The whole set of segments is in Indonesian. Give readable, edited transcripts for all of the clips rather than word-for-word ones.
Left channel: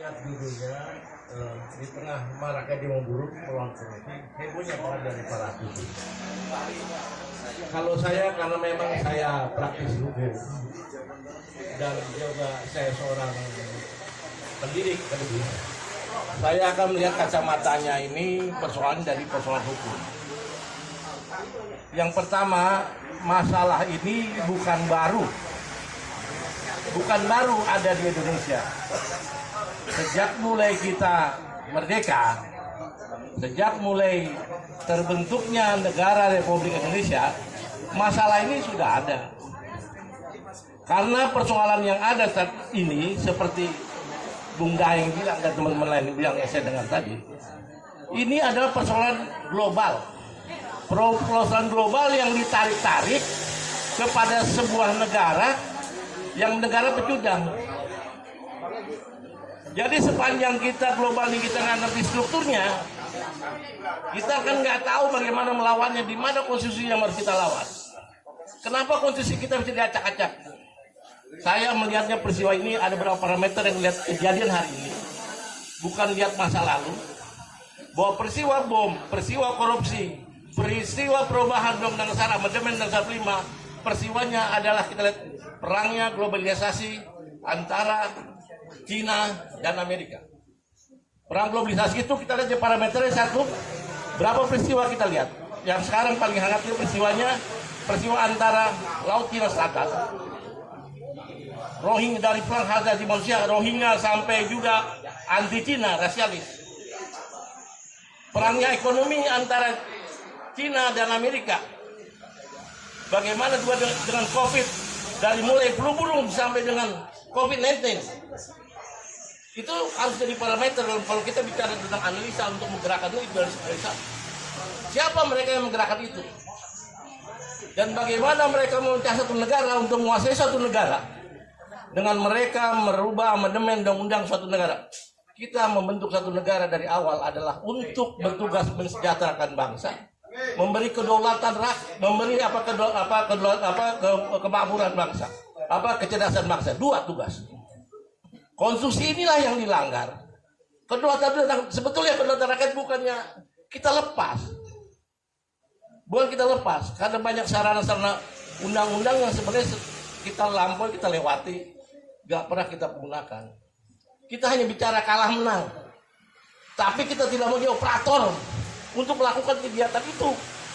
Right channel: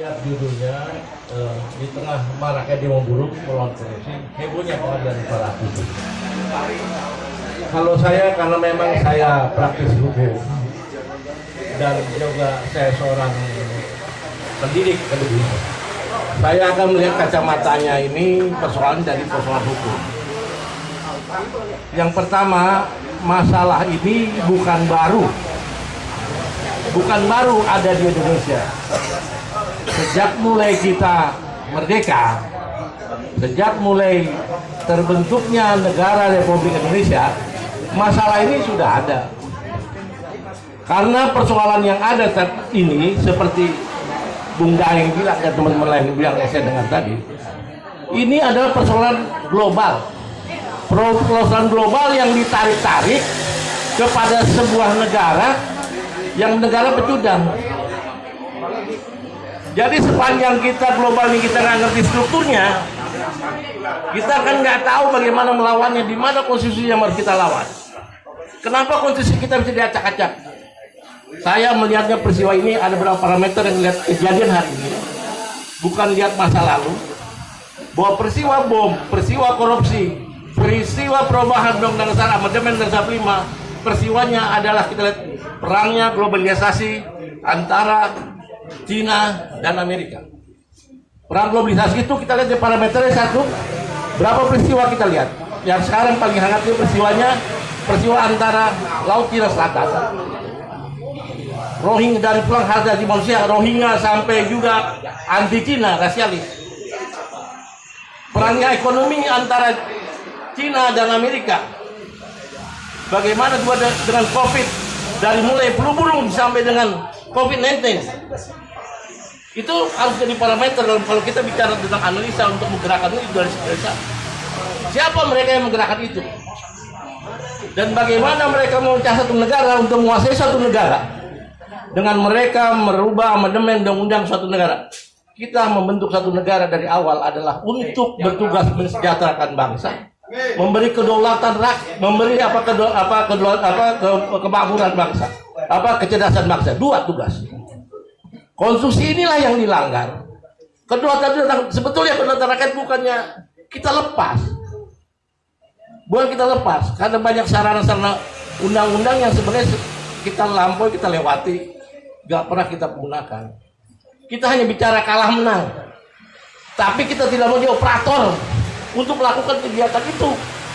Lihat judulnya di tengah maraknya demo buruh melawan korupsi, hebohnya pengadilan para hakim. Kalau saya, karena memang saya praktis hukum dan juga saya seorang pendidik lebih, saya akan melihat kacamatanya ini persoalan dari persoalan hukum. Yang pertama, masalah ini bukan baru ada di Indonesia. Sejak mulai kita merdeka, sejak mulai terbentuknya negara Republik Indonesia, masalah ini sudah ada. Karena persoalan yang ada saat ini, seperti Bung Daeng bilang dan teman-teman lain bilang yang saya dengar tadi, ini adalah persoalan global. Persoalan global yang ditarik-tarik kepada sebuah negara yang negara pecundang. Jadi sepanjang kita global ini kita nggak ngerti strukturnya, kita kan nggak tahu bagaimana melawannya, di mana konstitusi yang harus kita lawan. Kenapa konstitusi kita bisa diacak-acak? Saya melihatnya peristiwa ini ada beberapa parameter yang melihat kejadian hari ini, bukan lihat masa lalu. Bahwa peristiwa bom, peristiwa korupsi, peristiwa perubahan Undang-Undang Dasar Amandemen Dasar 5, peristiwanya adalah kita lihat perangnya globalisasi antara Cina dan Amerika. Perang globalisasi itu kita lihat di parameternya satu, berapa peristiwa kita lihat. Yang sekarang paling hangat itu peristiwa antara Laut Cina Selatan, Rohingya, dari perang hak asasi manusia Rohingya sampai juga anti Cina rasialis. Perangnya ekonomi antara Cina dan Amerika. Bagaimana juga dengan COVID, dari mulai flu burung sampai dengan COVID-19. Itu harus jadi parameter kalau kita bicara tentang analisa untuk menggerakkan itu dari sana. Siapa mereka yang menggerakkan itu? Dan bagaimana mereka memecah satu negara untuk menguasai satu negara? Dengan mereka merubah amandemen undang-undang suatu negara. Kita membentuk satu negara dari awal adalah untuk bertugas mensejahterakan bangsa, memberi kedaulatan rakyat, memberi kemakmuran bangsa, kecerdasan bangsa. Dua tugas. Konstitusi inilah yang dilanggar. Sebetulnya kedaulatan rakyat bukannya kita lepas. Bukan kita lepas, karena banyak sarana-sarana undang-undang yang sebenarnya kita lampaui, kita lewati, gak pernah kita gunakan. Kita hanya bicara kalah menang. Tapi kita tidak mau jadi operator untuk melakukan kegiatan itu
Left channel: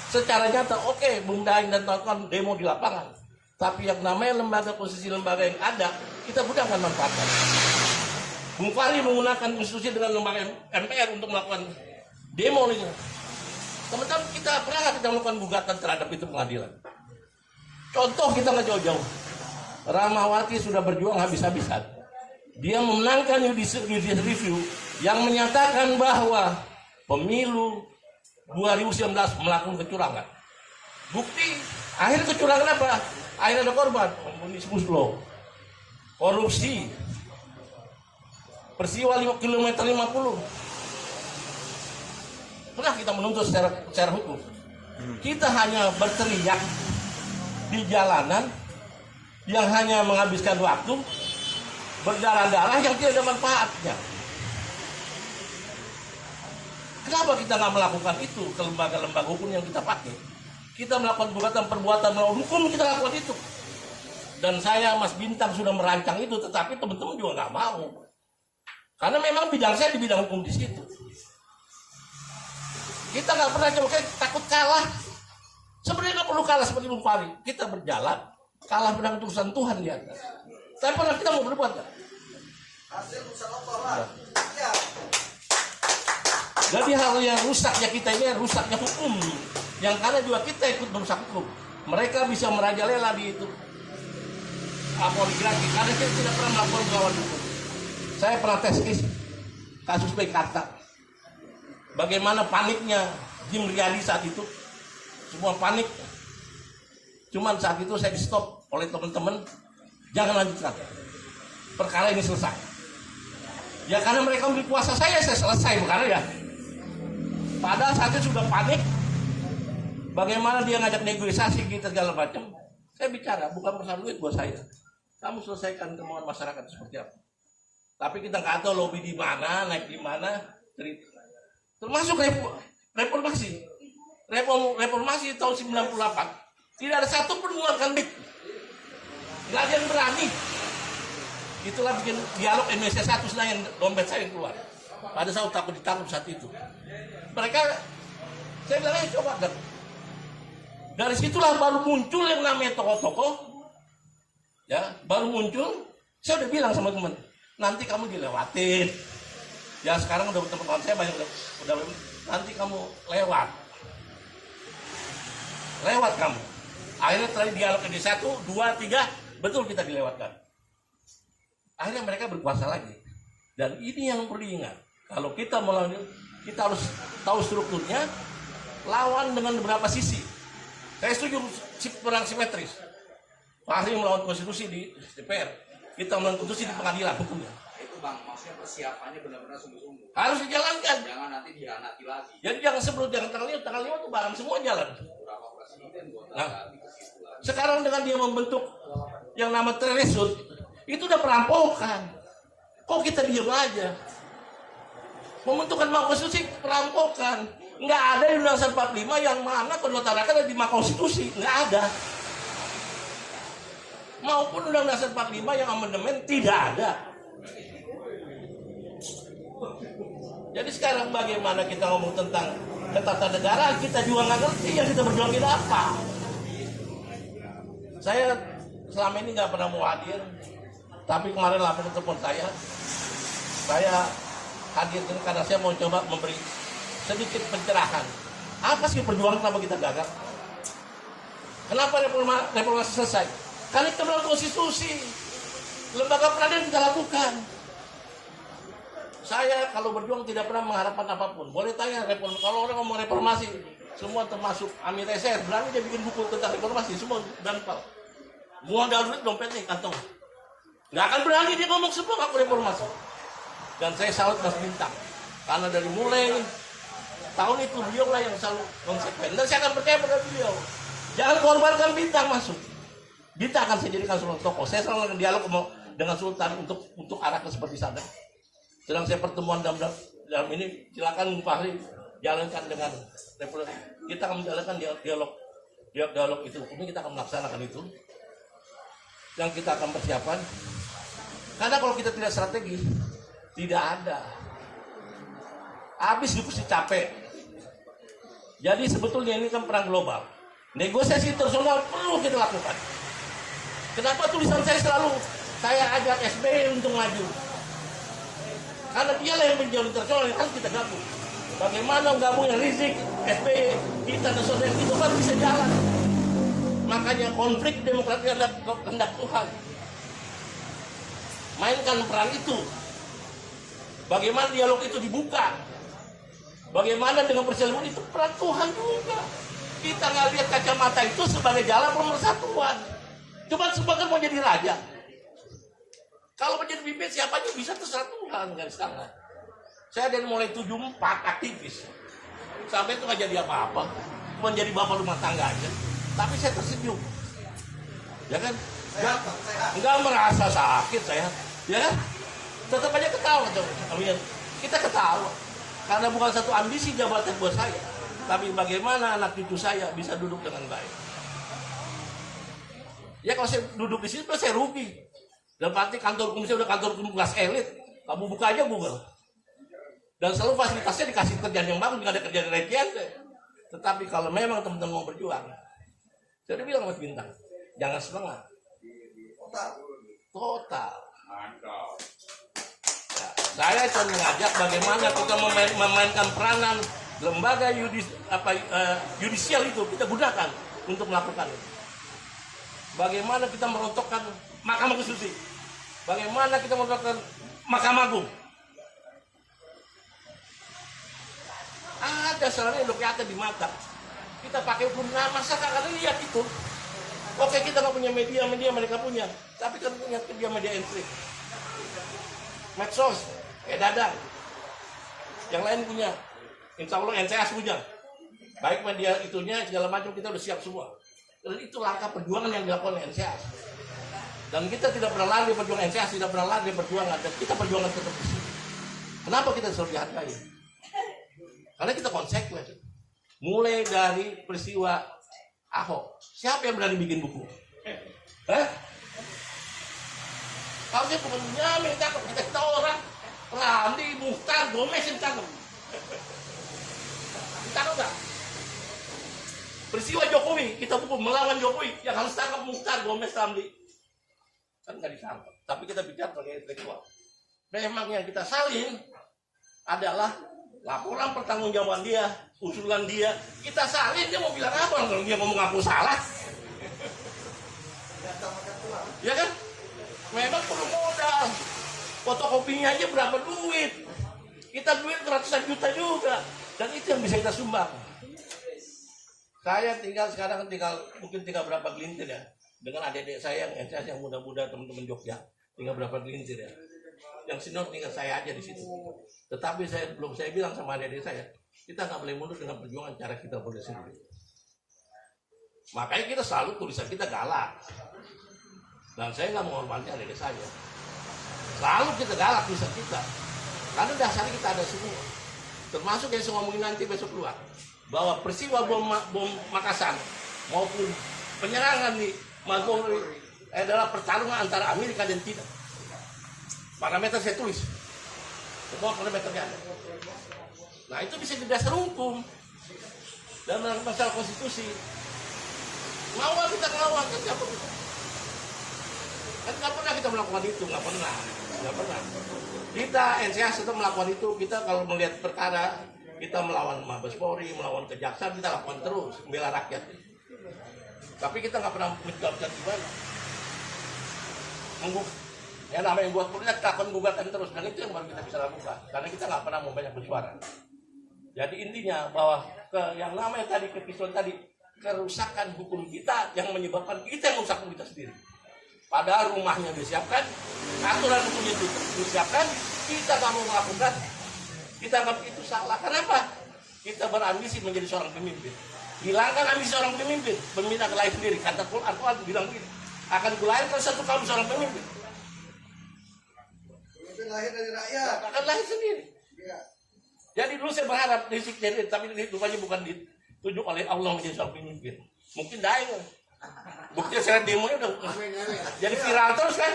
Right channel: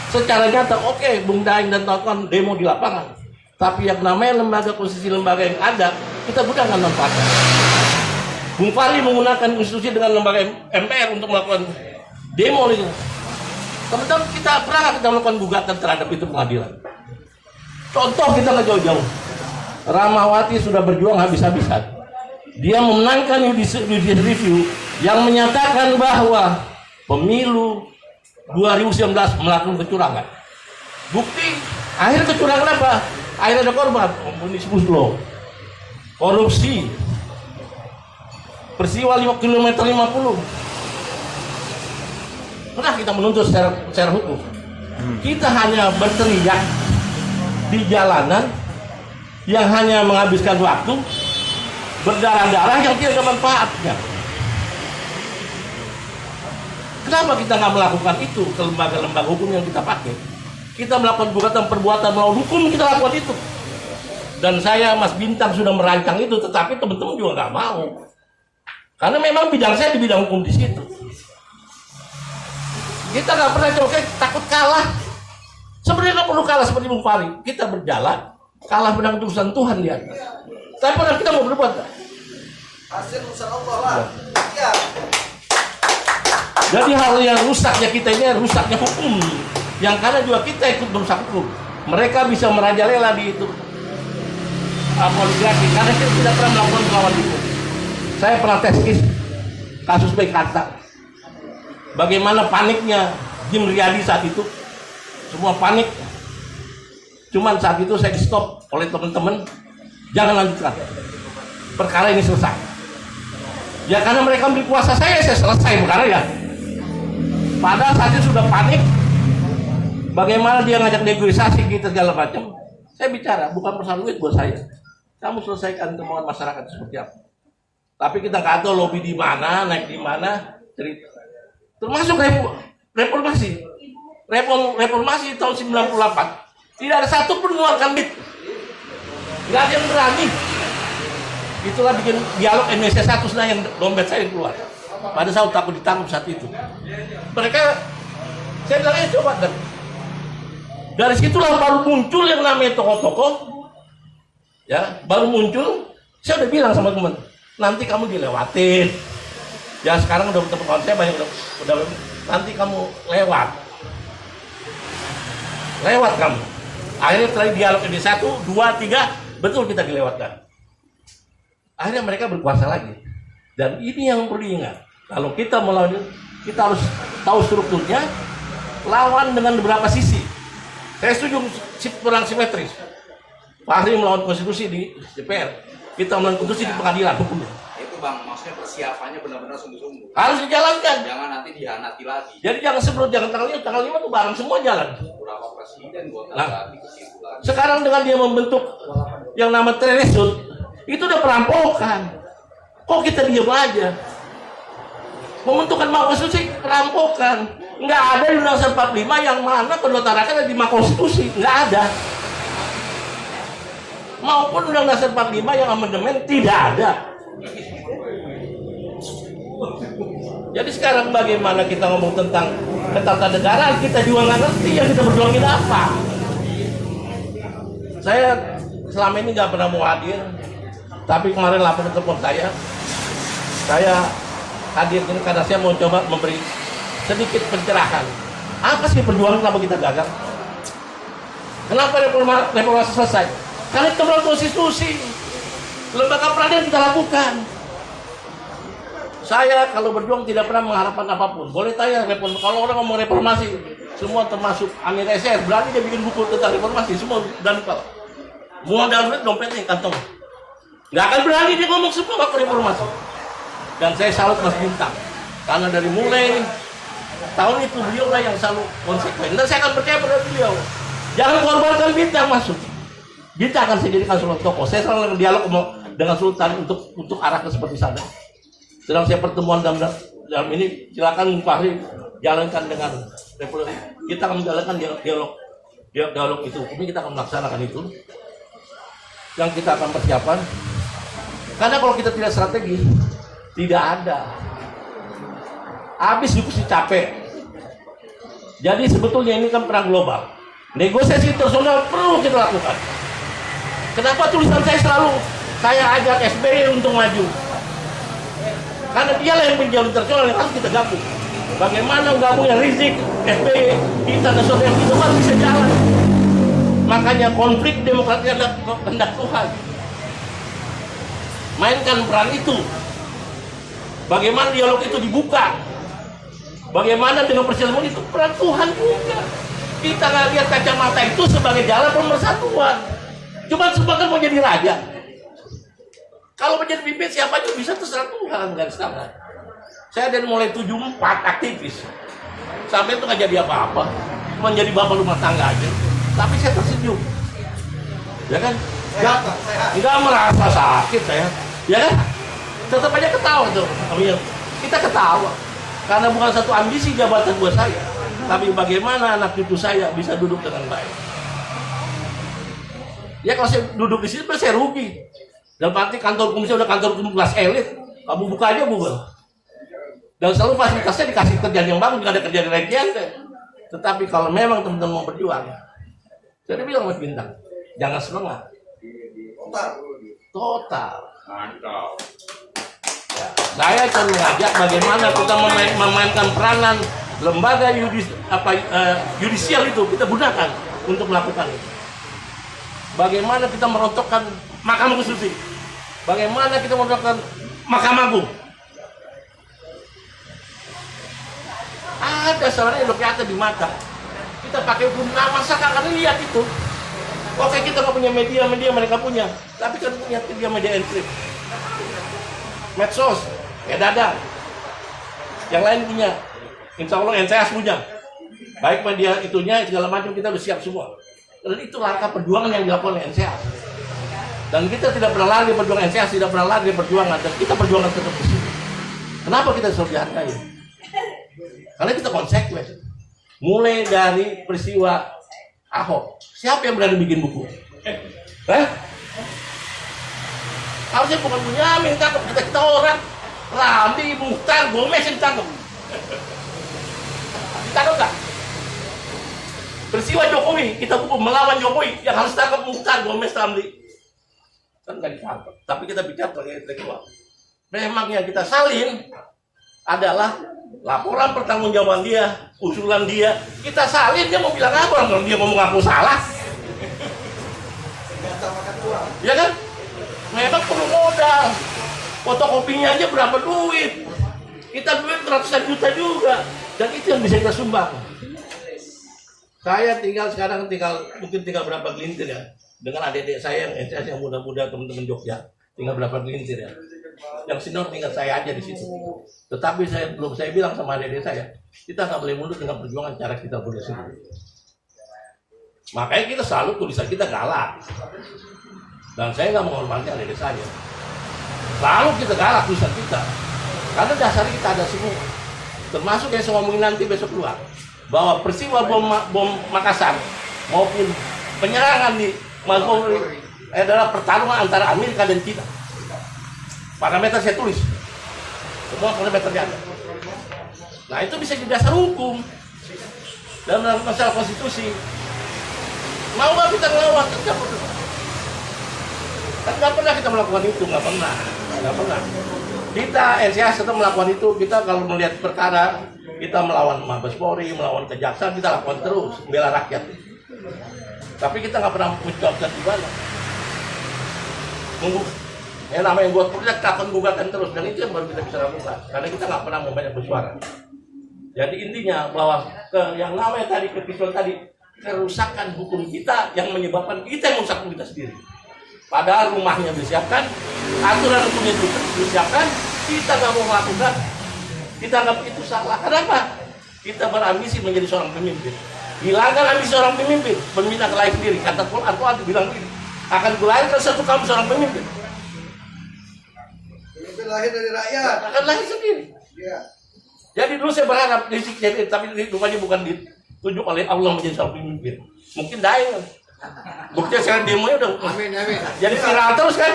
secara nyata. Oke, Bung Daeng dan kawan-kawan demo di lapangan. Tapi yang namanya lembaga konstitusi, lembaga yang ada, kita gunakan manfaatnya. Bung Fahri menggunakan konstitusi dengan lembaga MPR untuk melakukan demo itu. Teman-teman, kita pernah kita melakukan gugatan terhadap itu pengadilan. Contoh kita nggak jauh-jauh. Rahmawati sudah berjuang habis-habisan. Dia memenangkan judicial review yang menyatakan bahwa pemilu 2019 melakukan kecurangan. Bukti akhir kecurangan apa? Akhirnya ada korban, omnibus law, korupsi, peristiwa 5 km 50. Pernah kita menuntut secara hukum. Kita hanya berteriak di jalanan yang hanya menghabiskan waktu, berdarah-darah yang tidak ada manfaatnya. Kenapa kita nggak melakukan itu ke lembaga-lembaga hukum yang kita pakai? Kita melakukan perbuatan melawan hukum, kita lakukan itu. Dan saya, Mas Bintang, sudah merancang itu, tetapi teman-teman juga nggak mau. Karena memang bidang saya di bidang hukum di situ. Kita nggak pernah coba, takut kalah. Sebenarnya nggak perlu kalah seperti Bung Fahri. Kita berjalan, kalah menang urusan Tuhan di atas. Tapi pernah kita mau berbuat nggak? Hasil urusan Allah lah. Ya. Jadi hal yang rusaknya kita ini rusaknya hukum. Yang karena juga kita ikut merusak hukum. Mereka bisa merajalela di itu poligrafik karena kita tidak pernah melakukan melawan hukum. Saya pernah tes kasus Mekarta. Bagaimana paniknya Jim Riyadi saat itu. Semua panik. Cuman saat itu saya di stop oleh teman-teman. Jangan lanjutkan. Perkara ini selesai. Ya karena mereka memberi kuasa saya selesai perkara ya. Padahal saat itu sudah panik. Bagaimana dia ngajak negosiasi kita segala macam. Saya bicara, bukan persoalan duit buat saya. Kamu selesaikan kemauan masyarakat seperti apa. Tapi kita nggak tahu lobby di mana, naik di mana, cerita. Termasuk reformasi. Reformasi tahun 98. Tidak ada satu pun mengeluarkan duit. Nggak ada yang berani. Itulah bikin dialog Indonesia 1 Senayan dompet saya keluar. Pada saat takut ditangkap saat itu. Mereka, saya bilang coba dan dari situlah baru muncul yang namanya tokoh-tokoh. Ya, baru muncul. Saya udah bilang sama teman, nanti kamu dilewatin. Ya sekarang udah teman saya banyak udah nanti kamu lewat kamu. Akhirnya setelah dialog ini 1, 2, 3 betul kita dilewatkan. Akhirnya mereka berkuasa lagi. Dan ini yang perlu diingat. Kalau kita melawan, kita harus tahu strukturnya, lawan dengan beberapa sisi. Saya setuju kurang simetris. Fahri melawan konstitusi di DPR, kita melawan konstitusi di pengadilan hukumnya. Itu Bang, maksudnya persiapannya benar-benar sungguh-sungguh. Harus dijalankan. Jangan nanti dihianati lagi. Jadi jangan sebelum tanggal 5 tuh bareng semua jalan. Berapa presiden buat ganti ke situ lagi. Sekarang dengan dia membentuk yang nama Treresut, itu udah perampokan. Kok kita diam aja? Membentukkan Mahkamah Konstitusi perampokan. Nggak ada di Undang-Undang 45 yang mana kedaulatan rakyat di Mahkamah Konstitusi. Nggak ada. Maupun Undang-Undang 45 yang amandemen tidak ada. Jadi sekarang bagaimana kita ngomong tentang ketatanegaraan, kita juga nggak ngerti yang kita berjuangin apa. Saya selama ini nggak pernah mau hadir, tapi kemarin lapor ke telepon saya hadir ini karena saya mau coba memberi sedikit pencerahan. Apa sih perjuangan kenapa kita gagal? Kenapa reformasi selesai? Karena kita melawan konstitusi. Lembaga peradilan kita lakukan. Saya kalau berjuang tidak pernah mengharapkan apapun. Boleh tanya kalau orang ngomong reformasi, semua termasuk Amir SR, berani dia bikin buku tentang reformasi, semua dan kalau modal dompetnya kantong. Nggak akan berani dia ngomong semua waktu reformasi. Dan saya salut Mas Bintang, karena dari mulai tahun itu beliau lah yang selalu konsekuen. Dan saya akan percaya pada beliau. Jangan korbankan Bintang masuk. Bintang akan saya jadikan seluruh tokoh. Saya selalu dialog dengan Sultan untuk arah ke seperti sana. Sedang saya pertemuan dalam ini, silakan Fahri jalankan dengan Republik. Kita akan menjalankan dialog itu. Ini kita akan melaksanakan itu. Yang kita akan persiapan. Karena kalau kita tidak strategi, tidak ada. Habis diskusi capek. Jadi sebetulnya ini kan perang global. Negosiasi internasional perlu kita lakukan. Kenapa tulisan saya selalu saya ajak SBY untuk maju? Karena dialah yang penjauh internasional yang harus kita gabung. Bagaimana gabungnya Rizik, SBY, internasional yang itu baru bisa jalan. Makanya konflik demokrasi adalah kehendak Tuhan. Mainkan peran itu. Bagaimana dialog itu dibuka? Bagaimana dengan perselisihan itu peran Tuhan juga. Kita nggak lihat kacamata itu sebagai jalan pemersatuan. Cuma sebagian mau jadi raja. Kalau menjadi pimpin siapa aja bisa terserah Tuhan garis tangan. Saya dari mulai 74 aktivis. Sampai itu nggak jadi apa-apa. Cuma jadi bapak rumah tangga aja. Tapi saya tersenyum. Ya kan? Nggak merasa sakit saya. Ya kan? Tetap aja ketawa tuh. Kita ketawa. Karena bukan satu ambisi jabatan buat saya. Tapi bagaimana anak cucu saya bisa duduk dengan baik. Ya kalau saya duduk di sini, saya rugi. Dan pasti kantor hukum saya udah kantor hukum kelas elit. Kamu buka aja Google. Dan selalu fasilitasnya dikasih kerjaan yang bagus, nggak ada kerjaan regian. Tetapi kalau memang teman-teman mau berjuang, saya bilang Mas Bintang, jangan setengah. Total. Ya, saya akan mengajak bagaimana kita memainkan peranan lembaga yudisial itu kita gunakan untuk melakukan itu. Bagaimana kita merontokkan Mahkamah Konstitusi? Bagaimana kita merontokkan Mahkamah Agung? Ada salahnya udah kelihatan di mata. Kita pakai hukum masyarakat akan lihat itu. Oke, kita nggak punya media mereka punya, tapi kan punya media enkrip, medsos, ya dada. Yang lain punya, insya Allah NCS punya. Baik media itunya segala macam kita udah siap semua. Dan itu langkah perjuangan yang dilakukan oleh NCS. Dan kita tidak pernah lari perjuangan NCA, tidak pernah lari perjuangan, dan kita perjuangan tetap di sini. Kenapa kita selalu dihargai? Karena kita konsekuen. Mulai dari peristiwa Ahok, siapa yang berani bikin buku? Harusnya bukan Bunyamin yang tangkap, kita orang. Ramli, Muhtar, Gomez yang tangkap. Tangkap tak? Peristiwa Jokowi, kita hukum melawan Jokowi, yang harus tangkap Muhtar, Gomez, Ramli. Kan nggak ditangkap, tapi kita bicara sebagai intelektual. Memang yang kita salin adalah laporan pertanggungjawaban dia, usulan dia. Kita salin, dia mau bilang apa kalau dia ngomong aku salah? Ya kan? Memang perlu modal. Fotokopinya aja berapa duit? Kita duit ratusan juta juga, dan itu yang bisa kita sumbang. Saya sekarang mungkin tinggal berapa gelintir ya. Dengan adik-adik saya yang muda-muda, teman-teman Jogja, tinggal berapa gelintir ya. Yang senior tinggal saya aja di situ. Tetapi saya bilang sama adik-adik saya, kita nggak boleh mundur dengan perjuangan cara kita boleh sendiri. Makanya kita selalu tulisan kita galak. Dan saya nggak menghormati adik-adik saya. Selalu kita galak tulisan kita. Karena dasar kita ada semua. Termasuk yang saya ngomongin nanti besok keluar. Bahwa peristiwa bom Makassar maupun penyerangan di Makobrimob adalah pertarungan antara Amerika dan China. Parameter saya tulis. Semua parameternya ada. Nah itu bisa jadi dasar hukum dalam masalah konstitusi. Mau nggak kita ngelawan? Tetap. Kan nggak pernah kita melakukan itu, nggak pernah. Kita NCA tetap melakukan itu. Kita kalau melihat perkara, kita melawan Mabes Polri, melawan kejaksaan, kita lakukan terus, membela rakyat. Tapi kita nggak pernah menjawab di mana. Yang namanya buat proyek takkan gugatan terus, dan itu yang baru kita bisa lakukan. Karena kita nggak pernah banyak bersuara. Jadi intinya bahwa yang namanya tadi episode tadi, kerusakan hukum kita yang menyebabkan kita yang merusak hukum kita sendiri. Padahal rumahnya disiapkan, aturan hukumnya disiapkan, kita nggak mau melakukan, kita anggap itu salah. Kenapa? Kita berambisi menjadi seorang pemimpin. Hilangkan ambisi seorang pemimpin, pemimpin akan lahir sendiri. Kata Al-Quran bilang akan kulahirkan satu kaum seorang pemimpin. Pemimpin lahir dari rakyat. Akan lahir sendiri. Ya. Jadi dulu saya berharap jadi, tapi rupanya bukan ditunjuk oleh Allah menjadi seorang pemimpin. Mungkin daeng. Buktinya sekarang demonya udah jadi viral terus kan?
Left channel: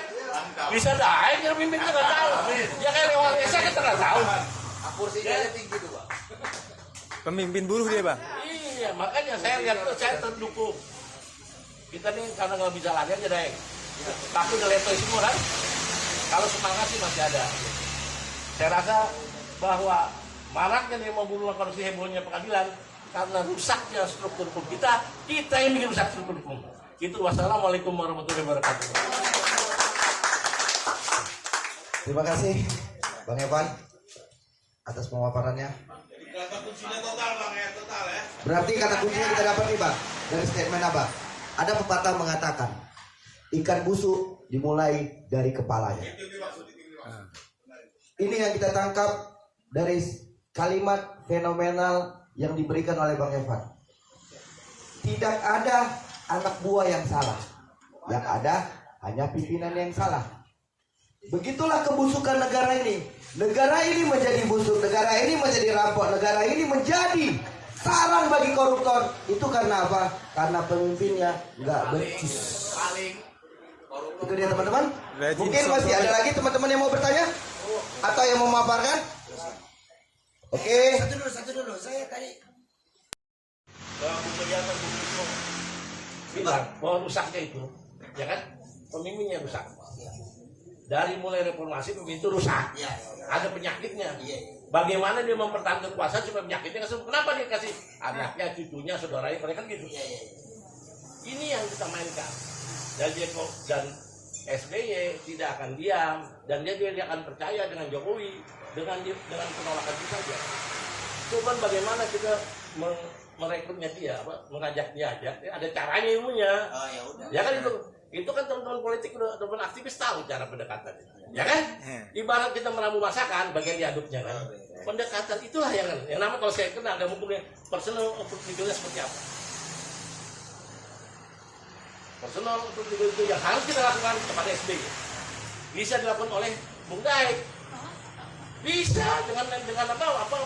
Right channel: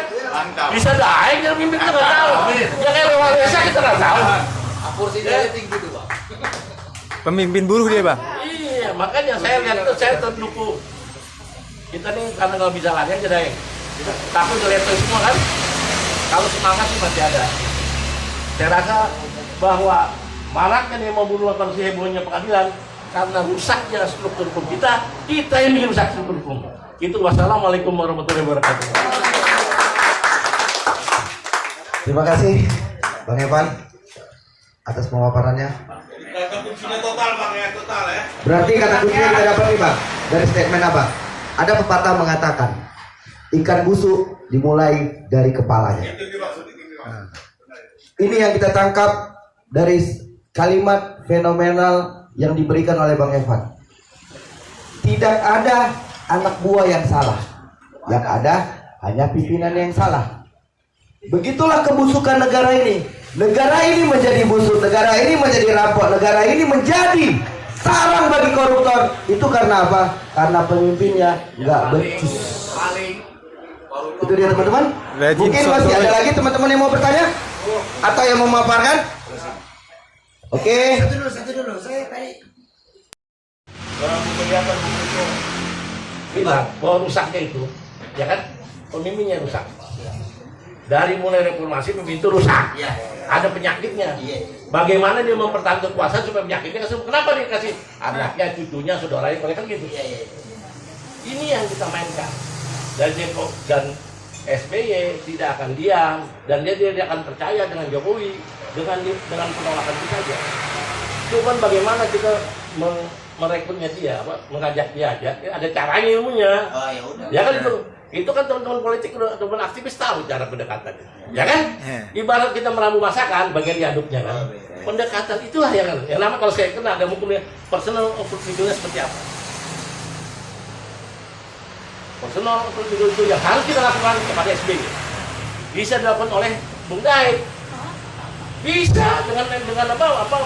Bisa daeng jadi pemimpin kita nggak tahu. Ya kayak Lewat Desa kita nggak tahu. Kursinya tinggi tuh, Pak. Pemimpin buruh dia, Bang. Iya, makanya saya lihat tuh saya terdukung. Kita nih karena nggak bisa lari aja deh. Tapi udah lihat semua kan. Kalau semangat sih masih ada. Saya rasa bahwa maraknya dia mau bunuh si hebohnya pengadilan karena rusaknya struktur hukum kita yang bikin rusak struktur hukum. Itu wassalamualaikum warahmatullahi wabarakatuh. Terima kasih Bang Evan atas pemaparannya. Kata kuncinya total Bang ya, total ya. Berarti kata kuncinya kita dapat nih Bang dari statement Abang. Ada pepatah mengatakan ikan busuk dimulai dari kepalanya. Ini yang kita tangkap dari kalimat fenomenal yang diberikan oleh Bang Evan. Tidak ada anak buah yang salah. Yang ada hanya pimpinan yang salah. Begitulah kebusukan negara ini. Negara ini menjadi busuk, negara ini menjadi rampok, negara ini menjadi sarang bagi koruptor. Itu karena apa? Karena pemimpinnya nggak becus. Itu dia teman-teman. Mungkin masih ada lagi teman-teman yang mau bertanya atau yang mau memaparkan. Oke. Satu dulu, saya tadi. Orang kelihatan bilang bahwa rusaknya itu, ya kan, pemimpinnya rusak. Dari mulai reformasi pemimpin itu rusak. Ada penyakitnya. Bagaimana dia mempertahankan kekuasaan supaya penyakitnya kesembuh? Kenapa dia kasih anaknya, cucunya, saudaranya, mereka kan gitu. Ini yang kita mainkan. Dan SBY tidak akan diam dan dia tidak akan percaya dengan Jokowi dengan penolakan itu saja. Cuman bagaimana kita merekrutnya dia, mengajak dia aja, ada caranya ilmunya. Oh ya udah. Ya kan itu kan teman-teman politik, teman aktivis tahu cara pendekatannya. Ya kan? Ibarat kita meramu masakan, bagian diaduknya kan. Pendekatan itulah yang nama kalau saya kena ada mungkin personal opportunity seperti apa. personal itu yang harus kita lakukan kepada SBY bisa dilakukan oleh Bung Dai, bisa dengan apa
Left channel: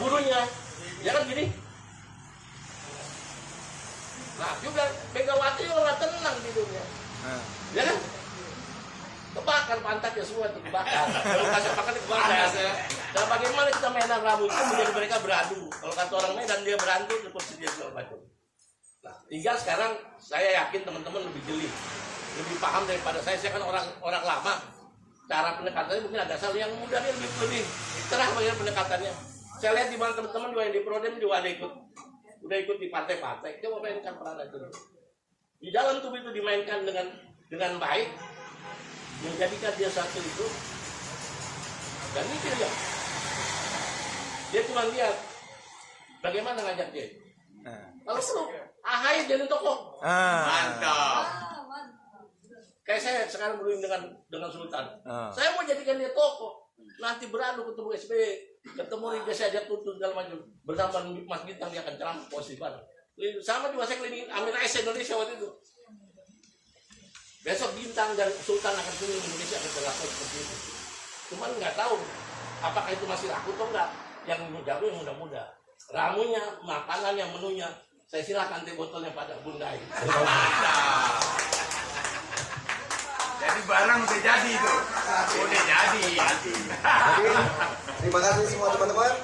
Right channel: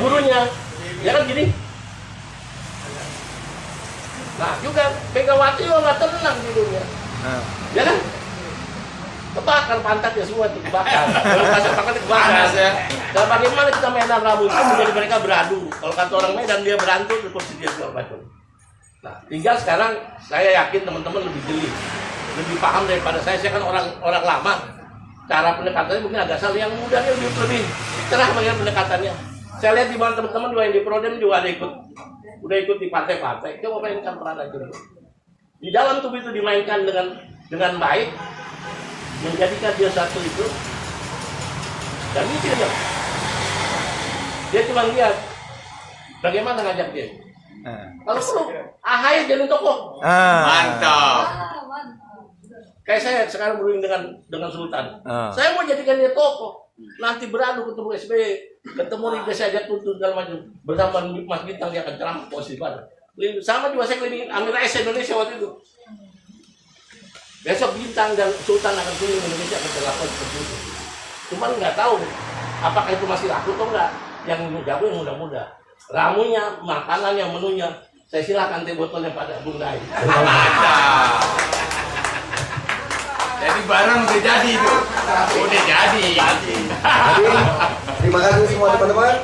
burunya, ya kan gini. Nah juga Megawati juga nggak tenang tidurnya, ya kan? Kebakar pantatnya semua itu dibakar. Kalau kasih pantatnya dibakar. Panas ya. Dan bagaimana kita Medan Rabu itu menjadi mereka beradu. Kalau kata orang Medan dia berantem itu dia segala macam. Nah, tinggal sekarang saya yakin teman-teman lebih jeli, lebih paham daripada saya. Saya kan orang lama. Cara pendekatannya mungkin ada asal yang muda lebih cerah bagian pendekatannya. Saya lihat di mana teman-teman juga yang di Prodem juga ada udah ikut di partai-partai. Coba mainkan peran aja. Di dalam tubuh itu dimainkan dengan baik, menjadikan dia satu itu, dan itu dia cuma lihat bagaimana ngajak dia. Kalau perlu AHY jadi tokoh. Mantap. Kayak saya sekarang berunding dengan Sultan. Saya mau jadikan dia tokoh. Nanti beradu ketemu SBY, ketemu Riga saya tuntut segala macam. Bersama Mas Bintang dia akan ceramah posisi pada. Sama juga saya kelilingin Amir Rais Indonesia waktu itu. Besok Bintang dan Sultan akan keliling Indonesia akan terlakukan seperti itu. Cuman nggak tahu apakah itu masih laku atau enggak. Yang jago yang muda-muda. Ramunya, makanannya, menunya. Saya silakan teh botolnya pada Bung Dai. Jadi barang udah jadi itu. Udah jadi. Terima kasih semua teman-teman.